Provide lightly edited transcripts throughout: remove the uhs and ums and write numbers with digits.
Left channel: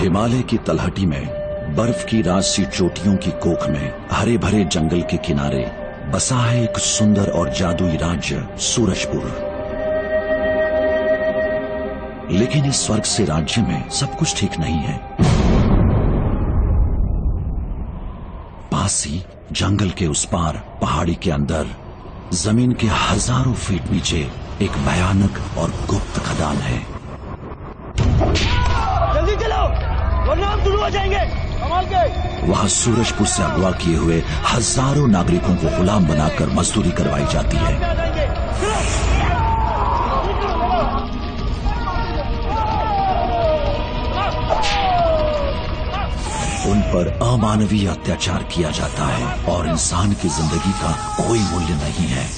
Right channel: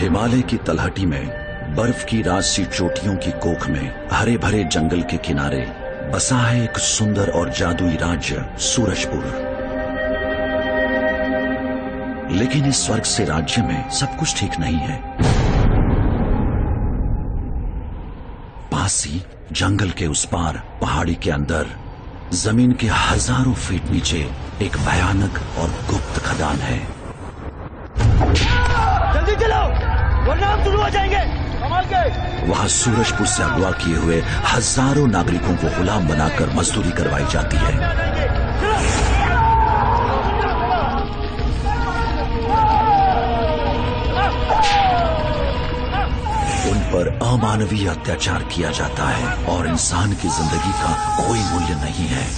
हिमालय की तलहटी में बर्फ की राजसी चोटियों की कोख में हरे भरे जंगल के किनारे बसा है एक सुंदर और जादुई राज्य सूरजपुर। लेकिन इस स्वर्ग से राज्य में सब कुछ ठीक नहीं है। पास ही जंगल के उस पार पहाड़ी के अंदर जमीन के हजारों फीट नीचे एक भयानक और गुप्त खदान है। जल्दी चलो वरना हम शुरू हो जाएंगे। कमाल के वहां सूरजपुर से अगवा किए हुए हजारों नागरिकों को गुलाम बनाकर मजदूरी करवाई जाती है। उन पर अमानवीय अत्याचार किया जाता है और इंसान की जिंदगी का कोई मूल्य नहीं है।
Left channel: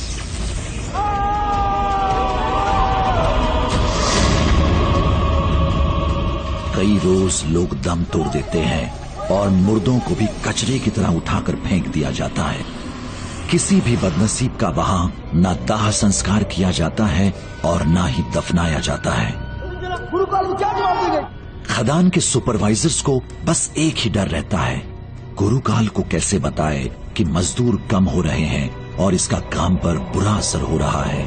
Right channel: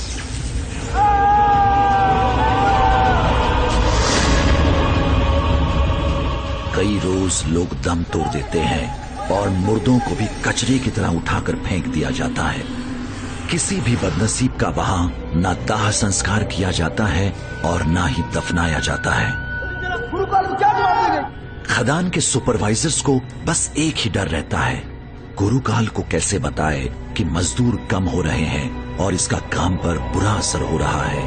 कई रोज लोग दम तोड़ देते हैं और मुर्दों को भी कचरे की तरह उठाकर फेंक दिया जाता है। किसी भी बदनसीब का वहां न दाह संस्कार किया जाता है और न ही दफनाया जाता है। खदान के सुपरवाइजर्स को बस एक ही डर रहता है, गुरुकाल को कैसे बताए कि मजदूर कम हो रहे हैं और इसका काम पर बुरा असर हो रहा है।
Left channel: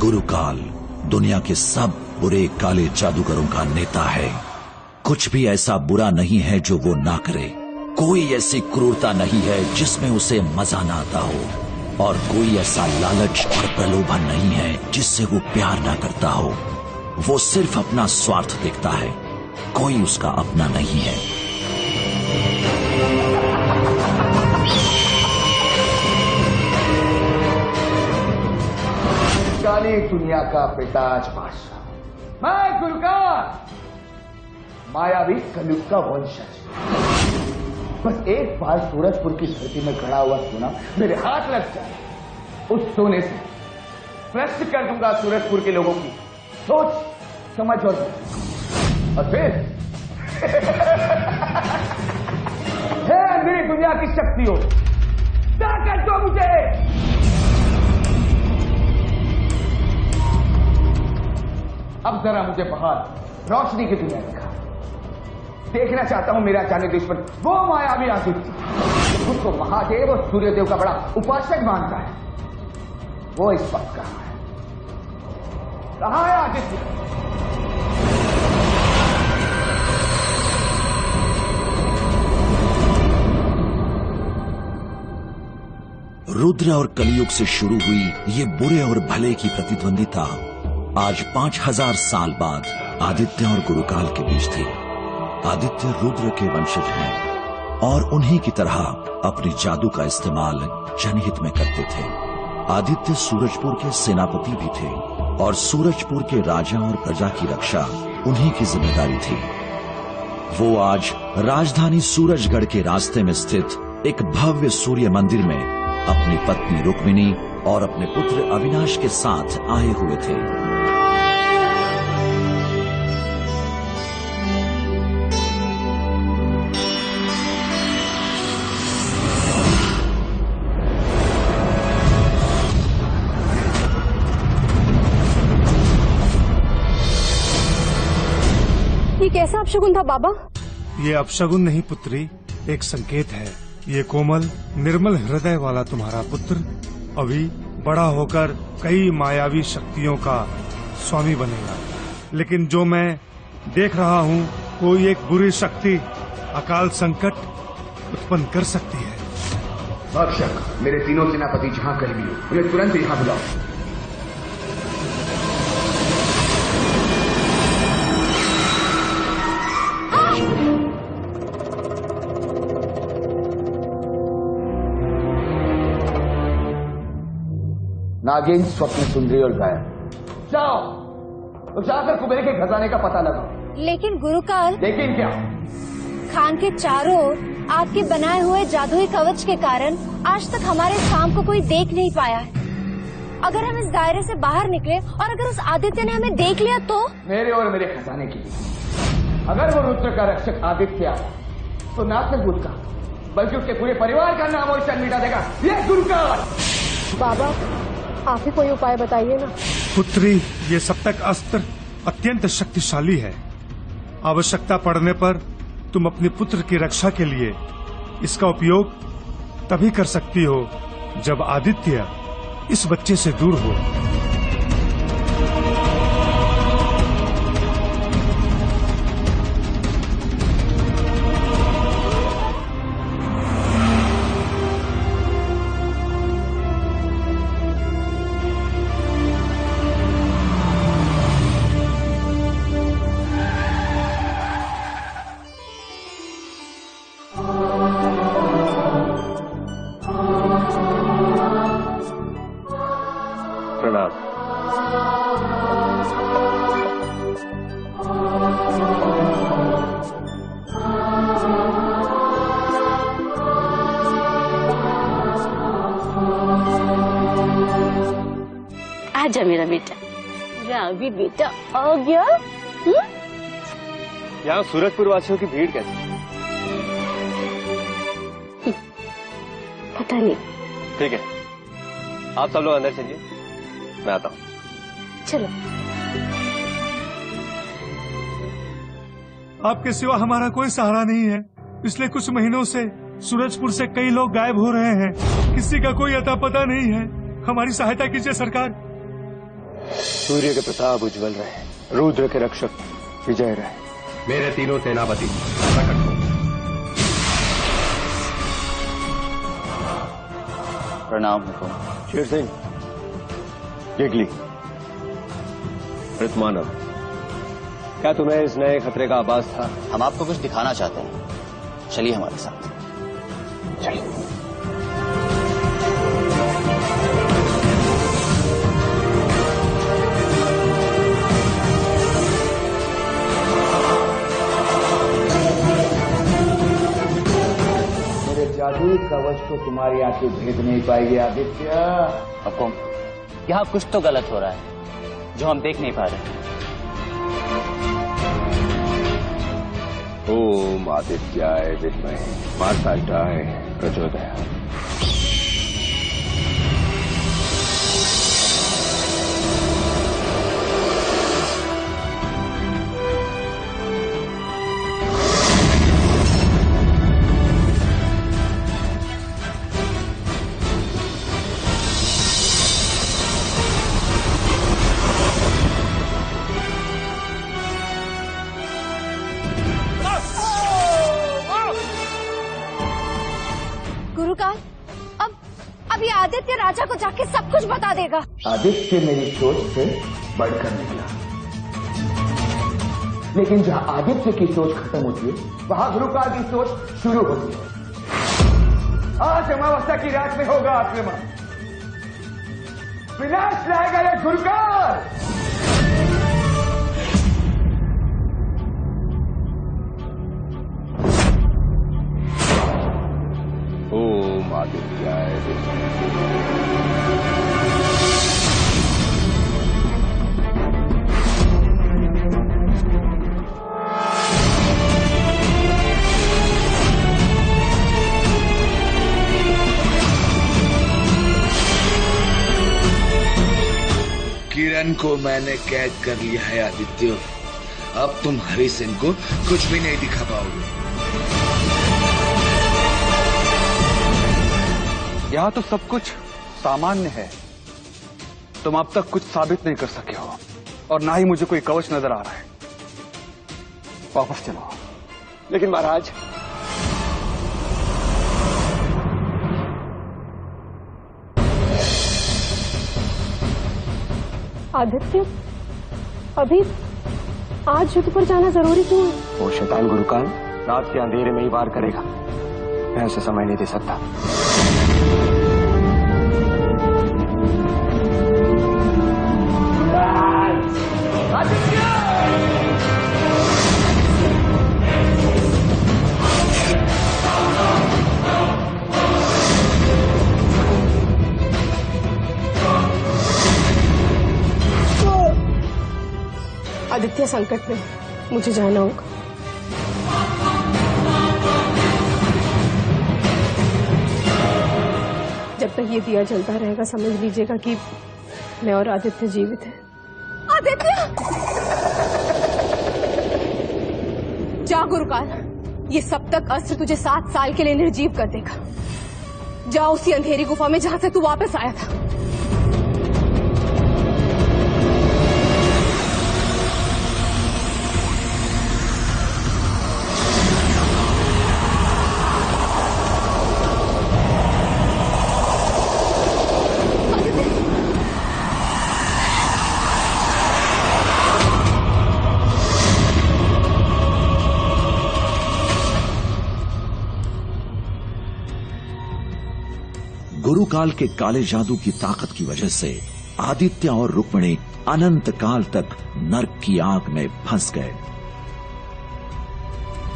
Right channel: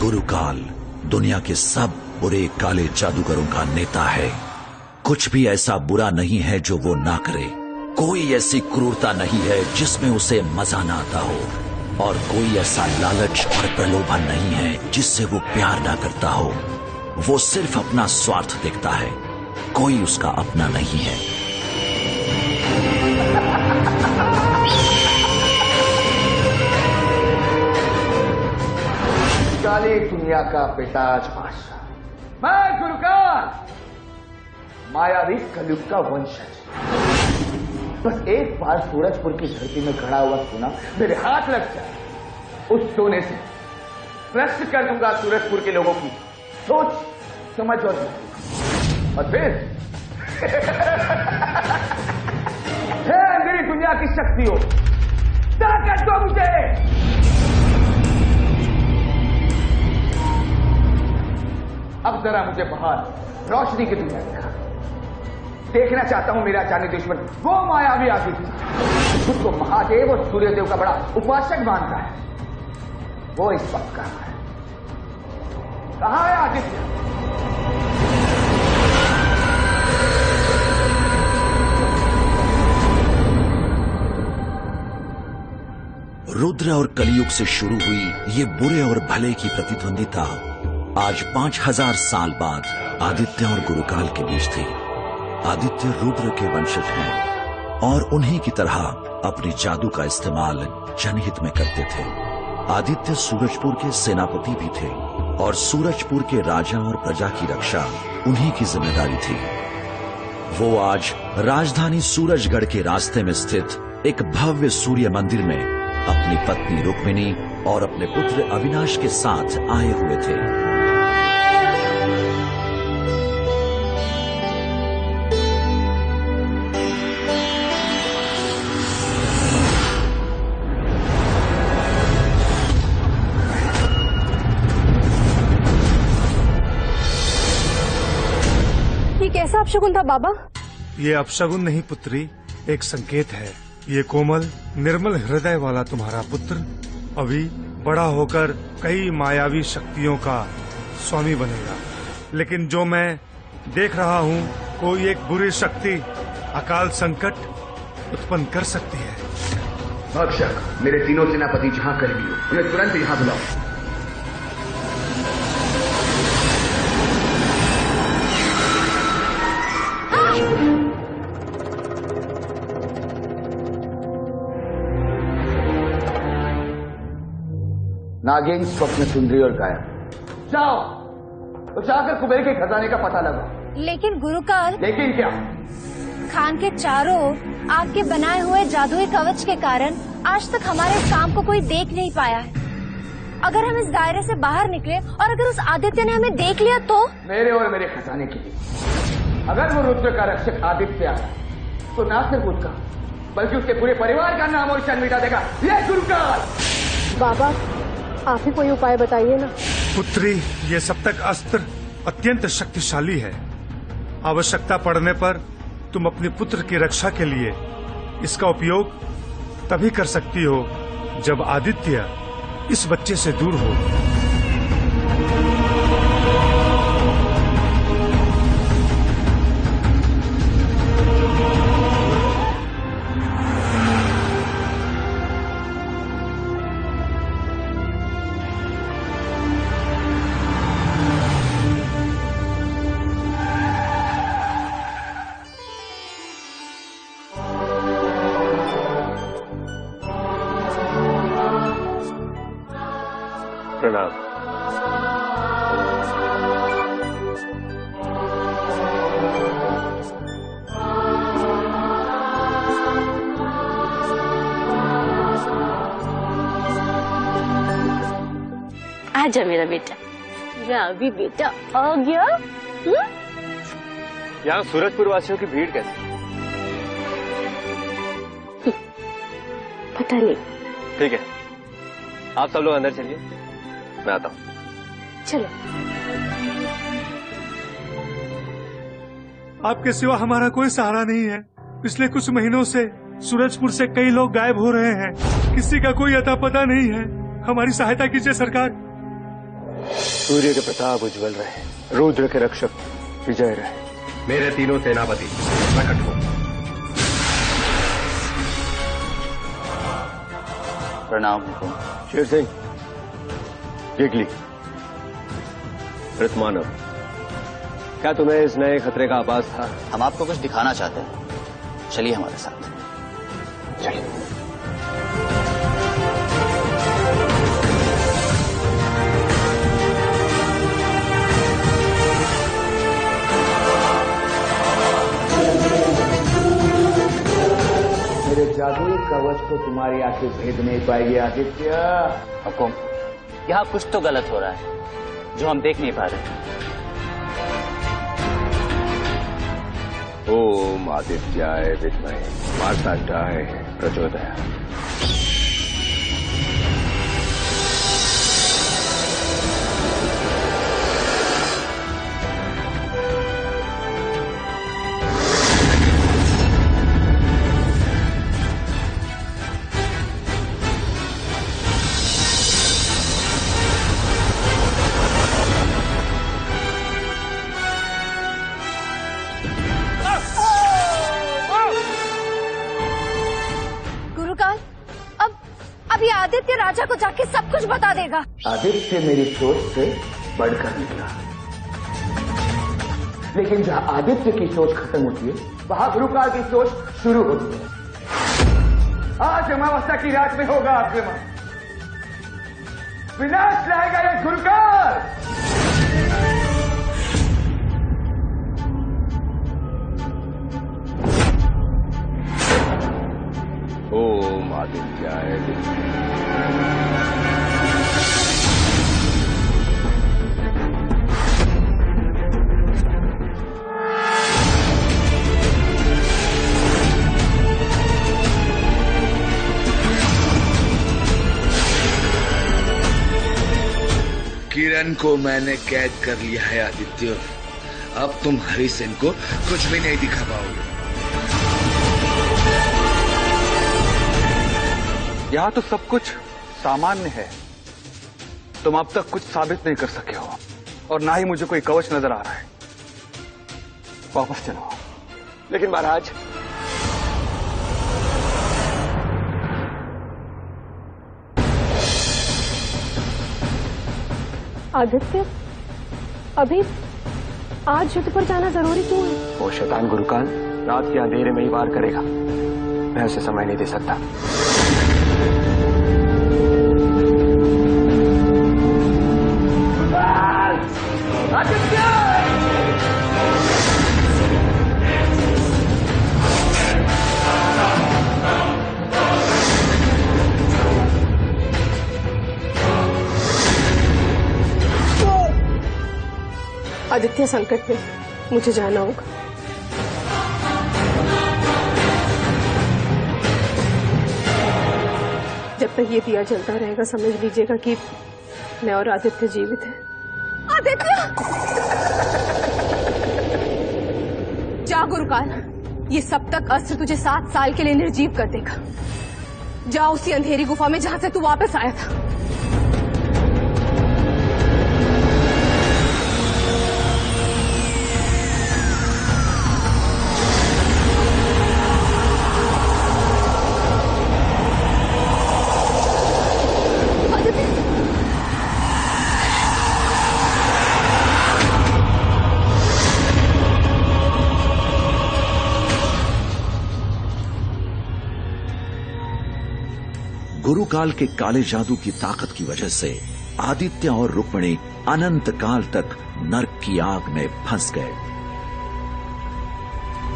गुरुकाल दुनिया के सब बुरे काले जादूगरों का नेता है। कुछ भी ऐसा बुरा नहीं है जो वो ना करे। कोई ऐसी क्रूरता नहीं है जिसमें उसे मजा ना आता हो, और कोई ऐसा लालच और प्रलोभन नहीं है जिससे वो प्यार ना करता हो। वो सिर्फ अपना स्वार्थ देखता है, कोई उसका अपना नहीं है। काली दुनिया का पेटाज बादशाह, मैं गुरुकाल, मायावी कलयुग का वंशज। बस एक बार सूरजपुर की धरती में खड़ा हुआ सोना मेरे हाथ लग जाए, उस सोने से भ्रष्ट कर दूंगा सूरजपुर के लोगों की सोच, समझ और फिर हे अंधेरी दुनिया की शक्तियों, ताकत दो मुझे। अब जरा मुझे बाहर रोशनी की दुनिया दिखा। देखना चाहता हूं मेरा जाने दुश्मन वो मायावी आदित्य, खुद को महादेव और सूर्यदेव का बड़ा उपासक मानता है। वो इस वक्त कहां है? कहां है आदित्य? रुद्र और कलयुग से शुरू हुई ये बुरे और भले की प्रतिद्वंदिता आज 5000 साल बाद आदित्य और गुरुकाल के बीच थी। आदित्य रुद्र के वंशज हैं और उन्हीं की तरह अपनी जादू का इस्तेमाल जनहित में करते थे। आदित्य सूरजपुर के सेनापति भी थे और सूरजपुर के राजा और प्रजा की रक्षा उन्हीं की जिम्मेदारी थी। वो आज राजधानी सूरजगढ़ के रास्ते में स्थित एक भव्य सूर्य मंदिर में अपनी पत्नी रुक्मिणी और अपने पुत्र अविनाश के साथ आए हुए थे। ये कैसा अपशगुन था बाबा? ये अपशगुन नहीं पुत्री, एक संकेत है। ये कोमल निर्मल हृदय वाला तुम्हारा पुत्र अभी बड़ा होकर कई मायावी शक्तियों का स्वामी बनेगा। लेकिन जो मैं देख रहा हूँ, कोई एक बुरी शक्ति अकाल संकट उत्पन्न कर सकती है। भक्षक, मेरे तीनों सेनापति जहाँ कहीं भी हो, उन्हें तुरंत यहाँ बुलाओ। नागिन, स्वप्न सुंदरी और गायब। जाओ तो जाकर कुबेर के खजाने का पता लगाओ। लेकिन गुरुकाल। लेकिन क्या? खान के चारों ओर आपके बनाए हुए जादुई कवच के कारण आज तक हमारे इस काम को कोई देख नहीं पाया है। अगर हम इस दायरे से बाहर निकले और अगर उस आदित्य ने हमें देख लिया तो? मेरे और मेरे खजाने के लिए अगर वो रुद्र का रक्षक आदित्य आया तो ना सिर्फ उसका बल्कि उसके पूरे परिवार का नाम और शान मिटा देगा ये गुरुकाल। बाबा, आप ही कोई उपाय बताइए ना। पुत्री, ये सप्तक अस्त्र अत्यंत शक्तिशाली है। आवश्यकता पड़ने पर तुम अपने पुत्र की रक्षा के लिए इसका उपयोग तभी कर सकती हो जब आदित्य इस बच्चे से दूर हो। प्रणाम। आजा मेरा बेटा, रावी बेटा आ गया। यहाँ सूरजपुर वासियों की भीड़ कैसी? पता नहीं। ठीक है, आप सब लोग अंदर चलिए, मैं आता हूँ। चलो। आपके सिवा हमारा कोई सहारा नहीं है। पिछले कुछ महीनों से सूरजपुर से कई लोग गायब हो रहे हैं। किसी का कोई अता पता नहीं है। हमारी सहायता कीजिए सरकार। सूर्य के प्रताप उज्जवल रहे, रुद्र के रक्षक विजय रहे। मेरे तीनों सेनापति प्रकट हो। प्रणाम हुकुम। शेर सिंह, गिगली, ऋतमानव, क्या तुम्हें इस नए खतरे का आभास था? हम आपको कुछ दिखाना चाहते हैं, चलिए हमारे साथ। चलिए। मेरे जादुई कवच को तुम्हारी आंखें भेद नहीं पाएगी आदित्य। हुकुम, यहाँ कुछ तो गलत हो रहा है जो हम देख नहीं पा रहे। ओम आदित्याय विद्महे मार्तांडाय प्रचोदयात्। गुरुकाल, अब ये आदित्य राजा को जाके सब कुछ बता देगा। आदित्य मेरी सोच से बढ़कर निकला, लेकिन जहां आदित्य की सोच खत्म होती है वहां गुरुकाल की सोच शुरू होती है। आज अमावस्या की रात में होगा आक्रमण, विनाश लाएगा यह गुरुकाल। ओम आदित्याय विद्महे। किरण को मैंने कैद कर लिया है आदित्य। अब तुम हरि सिंह को कुछ भी नहीं दिखा पाओगे। यहाँ तो सब कुछ सामान्य है। तुम अब तक कुछ साबित नहीं कर सके हो और ना ही मुझे कोई कवच नजर आ रहा है। वापस चलो। लेकिन महाराज, आदित्य, अभी आज युद्ध पर जाना जरूरी क्यों है? वो शैतान गुरुकाल रात के अंधेरे में ही वार करेगा। मैं उसे समय नहीं दे सकता। आदित्य! आदित्य संकट में, मुझे जाना होगा। जब तक ये दिया जलता रहेगा समझ लीजिएगा कि मैं और आदित्य जीवित हैं। आदित्य! जा गुरुकाल, ये सप्तक अस्त्र तुझे 7 साल के लिए निर्जीव कर देगा। जा उसी अंधेरी गुफा में जहां से तू वापस आया था। गुरुकाल के काले जादू की ताकत की वजह से आदित्य और रुक्मिणी अनंत काल तक नरक की आग में फंस गए।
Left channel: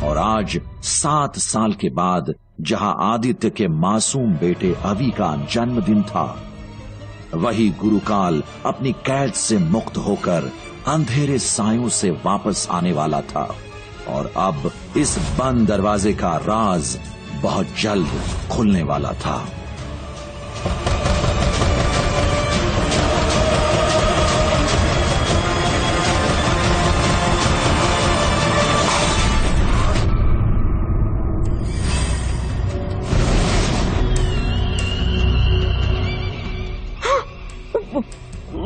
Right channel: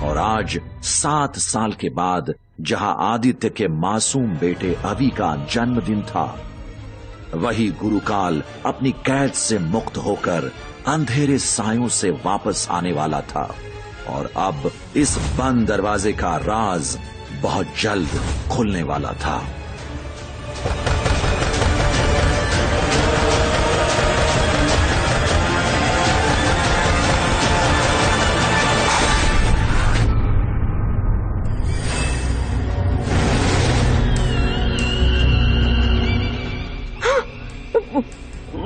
और आज 7 साल के बाद जहां आदित्य के मासूम बेटे अवि का जन्मदिन था, वही गुरुकाल अपनी कैद से मुक्त होकर अंधेरे सायों से वापस आने वाला था। और अब इस बंद दरवाजे का राज बहुत जल्द खुलने वाला था।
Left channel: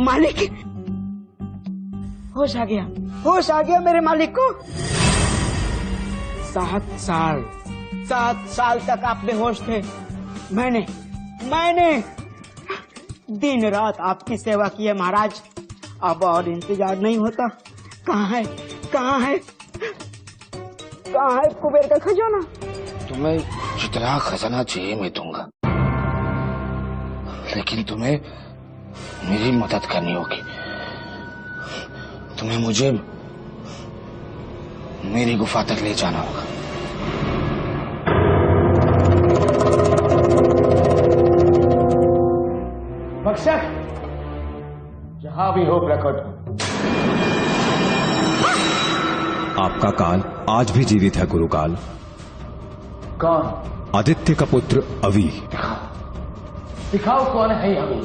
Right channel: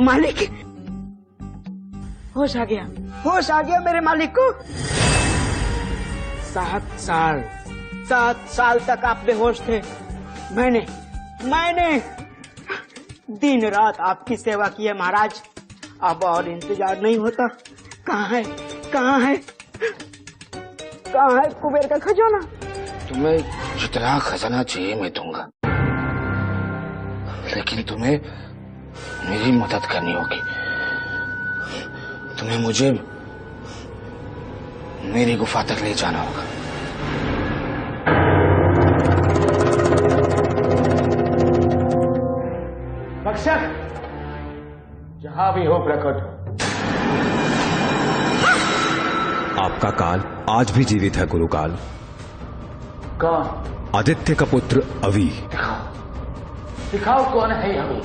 मालिक, होश आ गया मेरे मालिक को। 7 साल तक आप बेहोश थे। मैंने दिन रात आपकी सेवा की है महाराज। अब और इंतजार नहीं होता। कहाँ है कुबेर का खजाना? तुम्हें जितना खजाना चाहिए मैं दूंगा, लेकिन तुम्हें मेरी मदद करनी होगी। तुम्हें मुझे मेरी गुफा तक ले जाना होगा। भक्षक, जहां भी हो प्रकट हो। आपका काल आज भी जीवित है गुरुकाल। कौन? आदित्य का पुत्र अवि। दिखाओ कौन है ये अवि।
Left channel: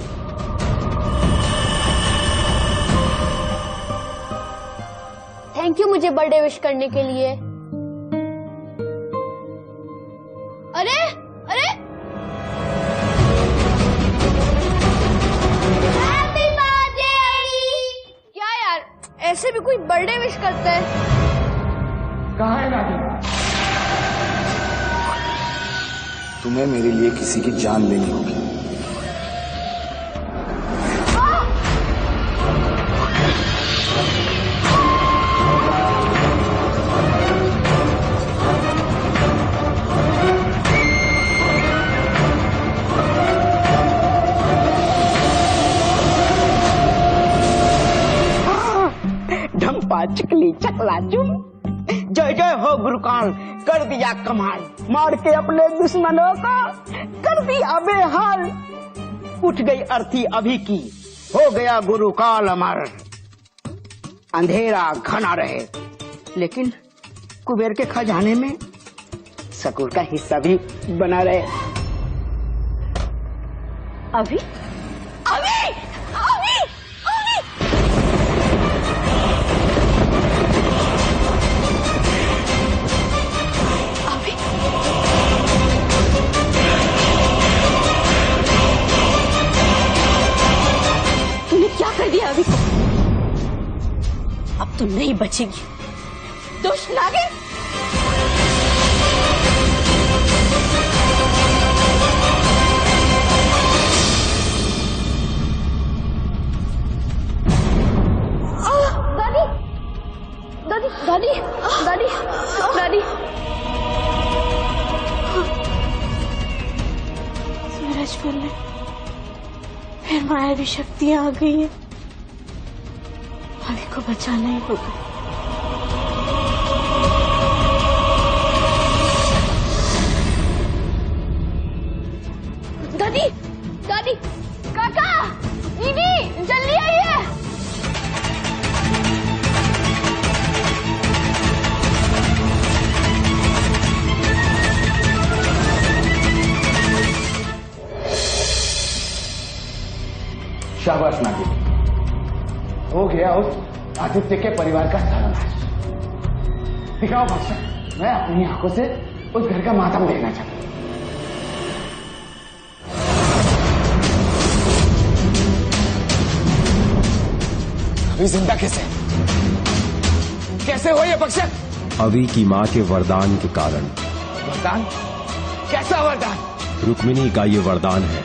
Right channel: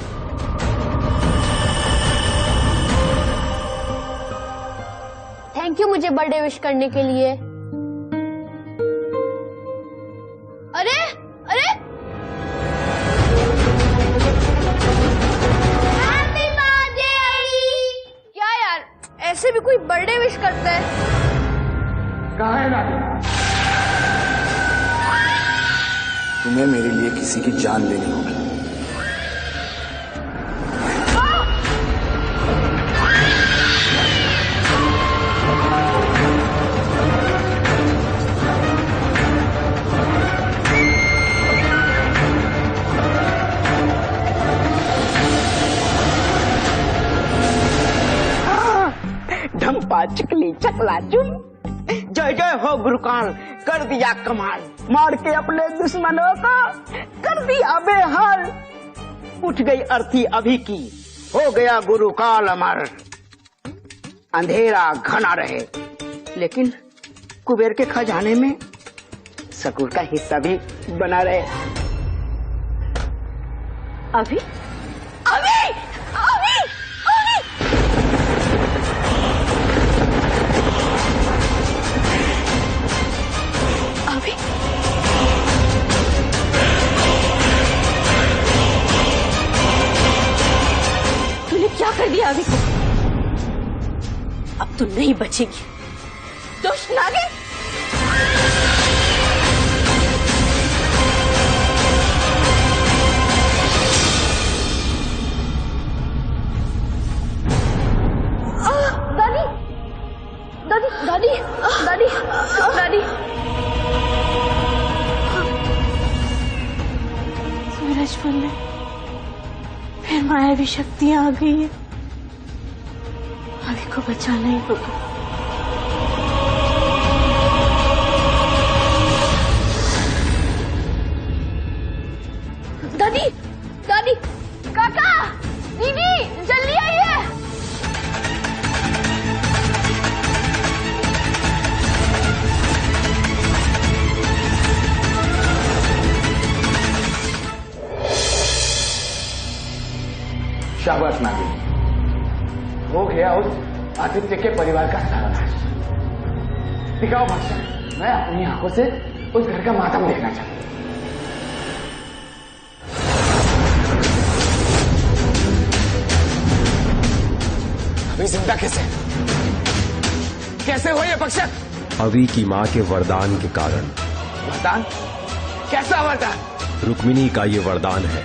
थैंक यू मुझे बर्थडे विश करने के लिए। अरे हैप्पी बर्थडे अवि। क्या यार, ऐसे भी कोई बर्थडे विश करता है? कहाँ है नागिन? तुम्हें मेरे लिए किसी की जान लेनी होगी। ढंपा चिकली चकला चुम। जय जय हो गुरुकाल, कर दिया कमाल। मार के अपने दुश्मनों को कर दिया बेहाल। उठ गई अर्थी अभी की, हो गया गुरुकाल अमर। अंधेरा घना रहे, लेकिन कुबेर के खजाने में सकूर का हिस्सा भी बना रहे। अभी तूने क्या कर दिया अभी को? अब तो नहीं बचेगी दुष्ट नागिन। दादी सूरजपुर में फिर मायावी शक्तियां आ गई है। अभी को बचाना ही होगा। दादी काका दीदी जल्दी आइए। शाबाश नागिन, हो गया उस आदित्य के परिवार का सर्वनाश। दिखाओ भक्षक, मैं अपनी आंखों से उस घर का मातम देखना चाहता हूं। अभी जिंदा कैसे हो ये भक्षक? अभी की माँ के वरदान के कारण। वरदान? कैसा वरदान? रुक्मिणी का ये वरदान है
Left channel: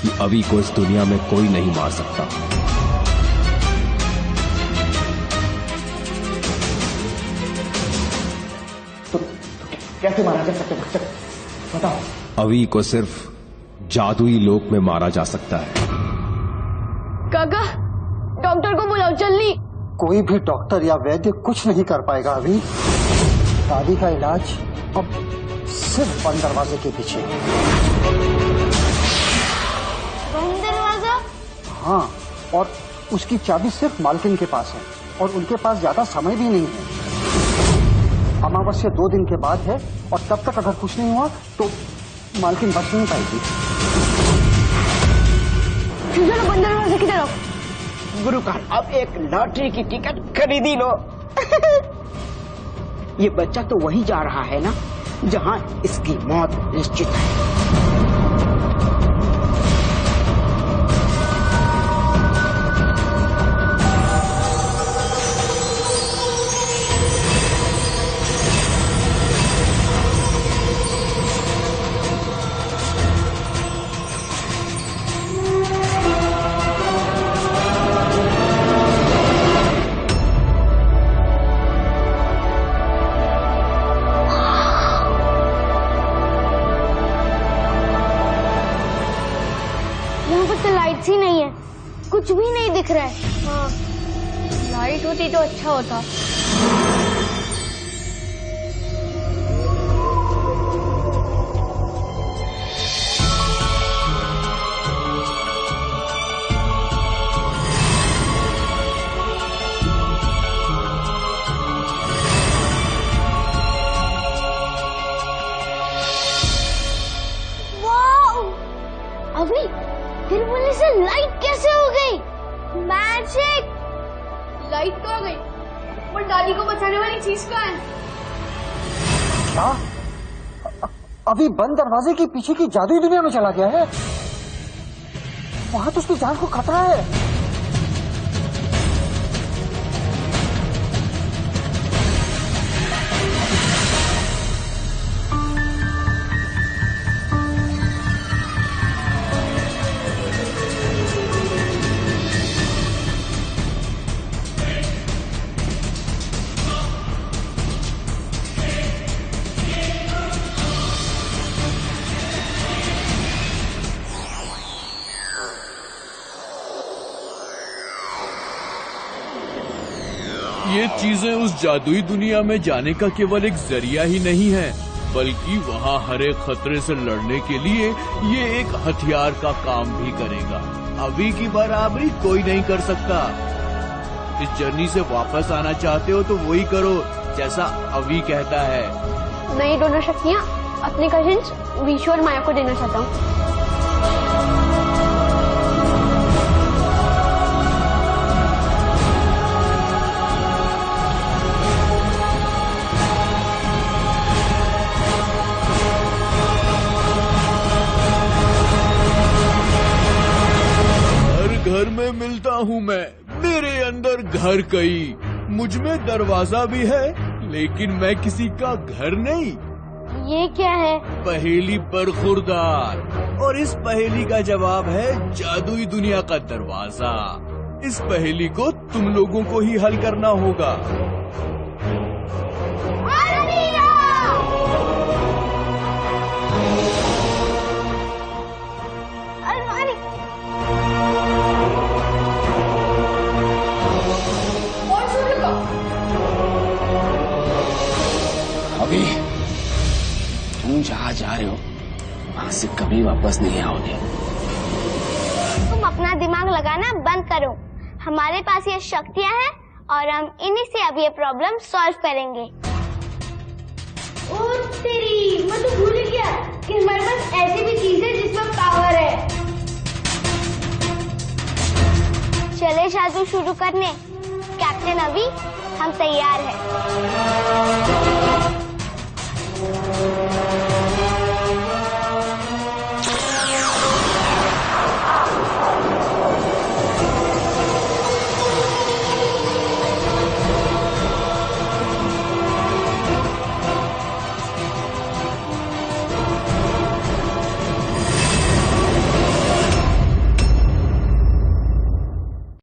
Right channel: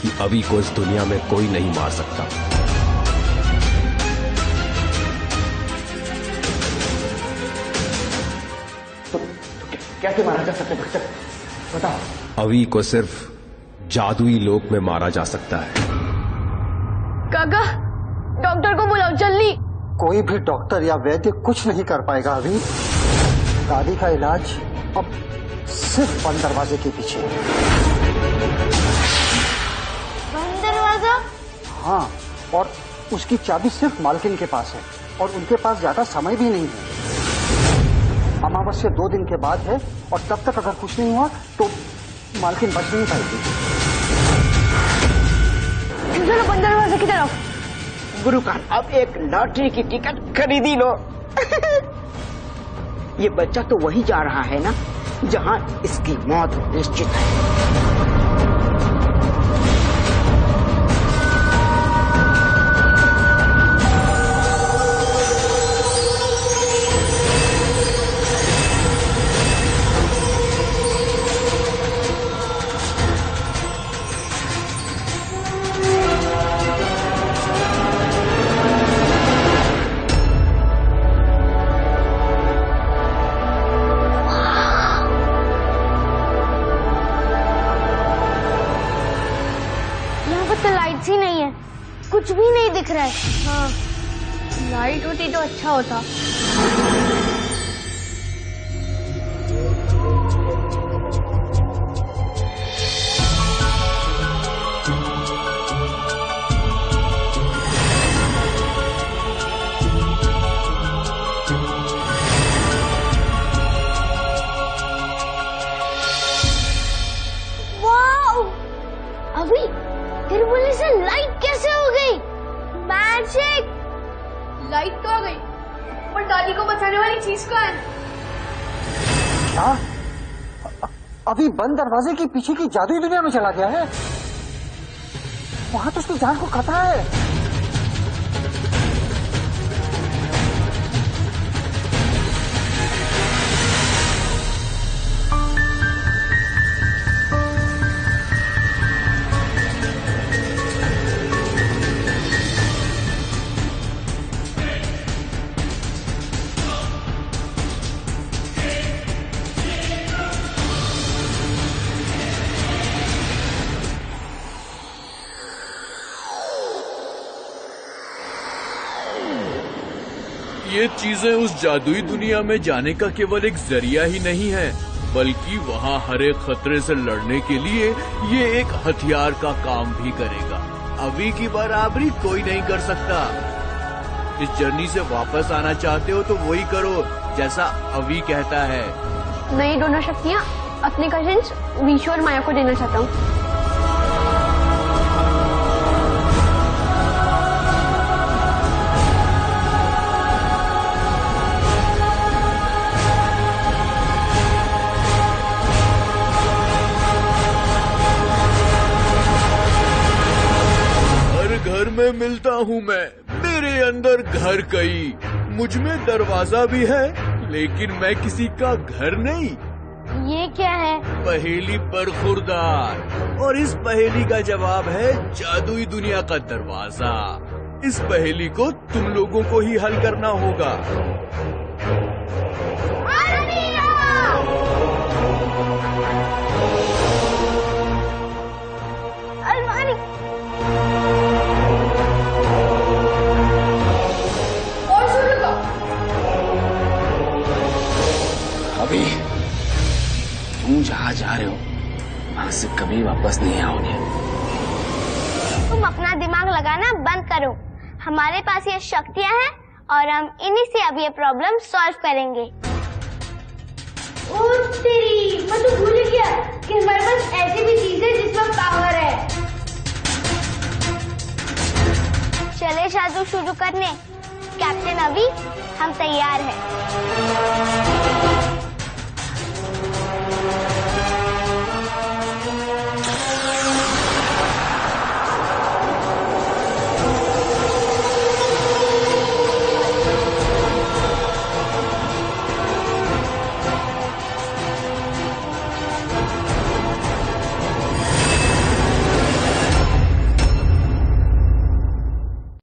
कि अभी को इस दुनिया में कोई नहीं मार सकता। तो कैसे मारा जा सकता है भक्षक, बताओ। अभी को सिर्फ जादुई लोक में मारा जा सकता है। काका, डॉक्टर को बुलाओ जल्दी। कोई भी डॉक्टर या वैद्य कुछ नहीं कर पाएगा अभी। दादी का इलाज अब सिर्फ बंद दरवाजे के पीछे। बंद दरवाजा? हाँ, और उसकी चाबी सिर्फ मालकिन के पास है और उनके पास ज्यादा समय भी नहीं है। अमावस्या 2 दिन के बाद है और तब तक अगर कुछ नहीं हुआ तो मालकिन बच नहीं पाएगी। चलो बंद दरवाजे की तरफ। गुरुकाल, अब एक लॉटरी की टिकट खरीदी लो। ये बच्चा तो वही जा रहा है ना जहां इसकी मौत निश्चित है। ही नहीं है, कुछ भी नहीं दिख रहा है। हाँ, लाइट होती तो अच्छा होता। वाओ! अभी फिर बोले से लाइट कैसे हो गई? मैजिक! लाइट तो आ गई, पर दादी को बचाने वाली चीज कहाँ है? क्या? अभी बंद दरवाजे के पीछे की जादुई दुनिया में चला गया है। वहां तो उसकी जान को खतरा है। ये चीजें उस जादुई दुनिया में जाने का केवल एक जरिया ही नहीं है, बल्कि वहाँ हर एक खतरे से लड़ने के लिए ये एक हथियार का काम भी करेगा। अभी की बराबरी कोई नहीं कर सकता। इस जर्नी से वापस आना चाहते हो तो वही करो जैसा अभी कहता है। मैं ये दोनों शक्तियाँ अपने कजिन्स विशु और माया को देना चाहता हूँ। घर में मिलता हूँ मैं, मेरे अंदर घर कई, मुझ में दरवाजा भी है लेकिन मैं किसी का घर नहीं। ये क्या है? पहेली बरखुरदार, और इस पहेली का जवाब है जादुई दुनिया का दरवाजा। इस पहेली को तुम लोगों को ही हल करना होगा। अभी तुम जहाँ जा रहे हो वहां से कभी वापस नहीं आओगे। तुम अपना दिमाग लगाना बंद करो। हमारे पास ये शक्तियाँ हैं और हम इन्हीं से अब ये प्रॉब्लम सॉल्व करेंगे। ओ तेरी, मैं तो भूल गया कि हमारे पास ऐसी भी चीज है जिसमें पावर है। चले जादू शुरू करने। कैप्टन अभी हम तैयार हैं।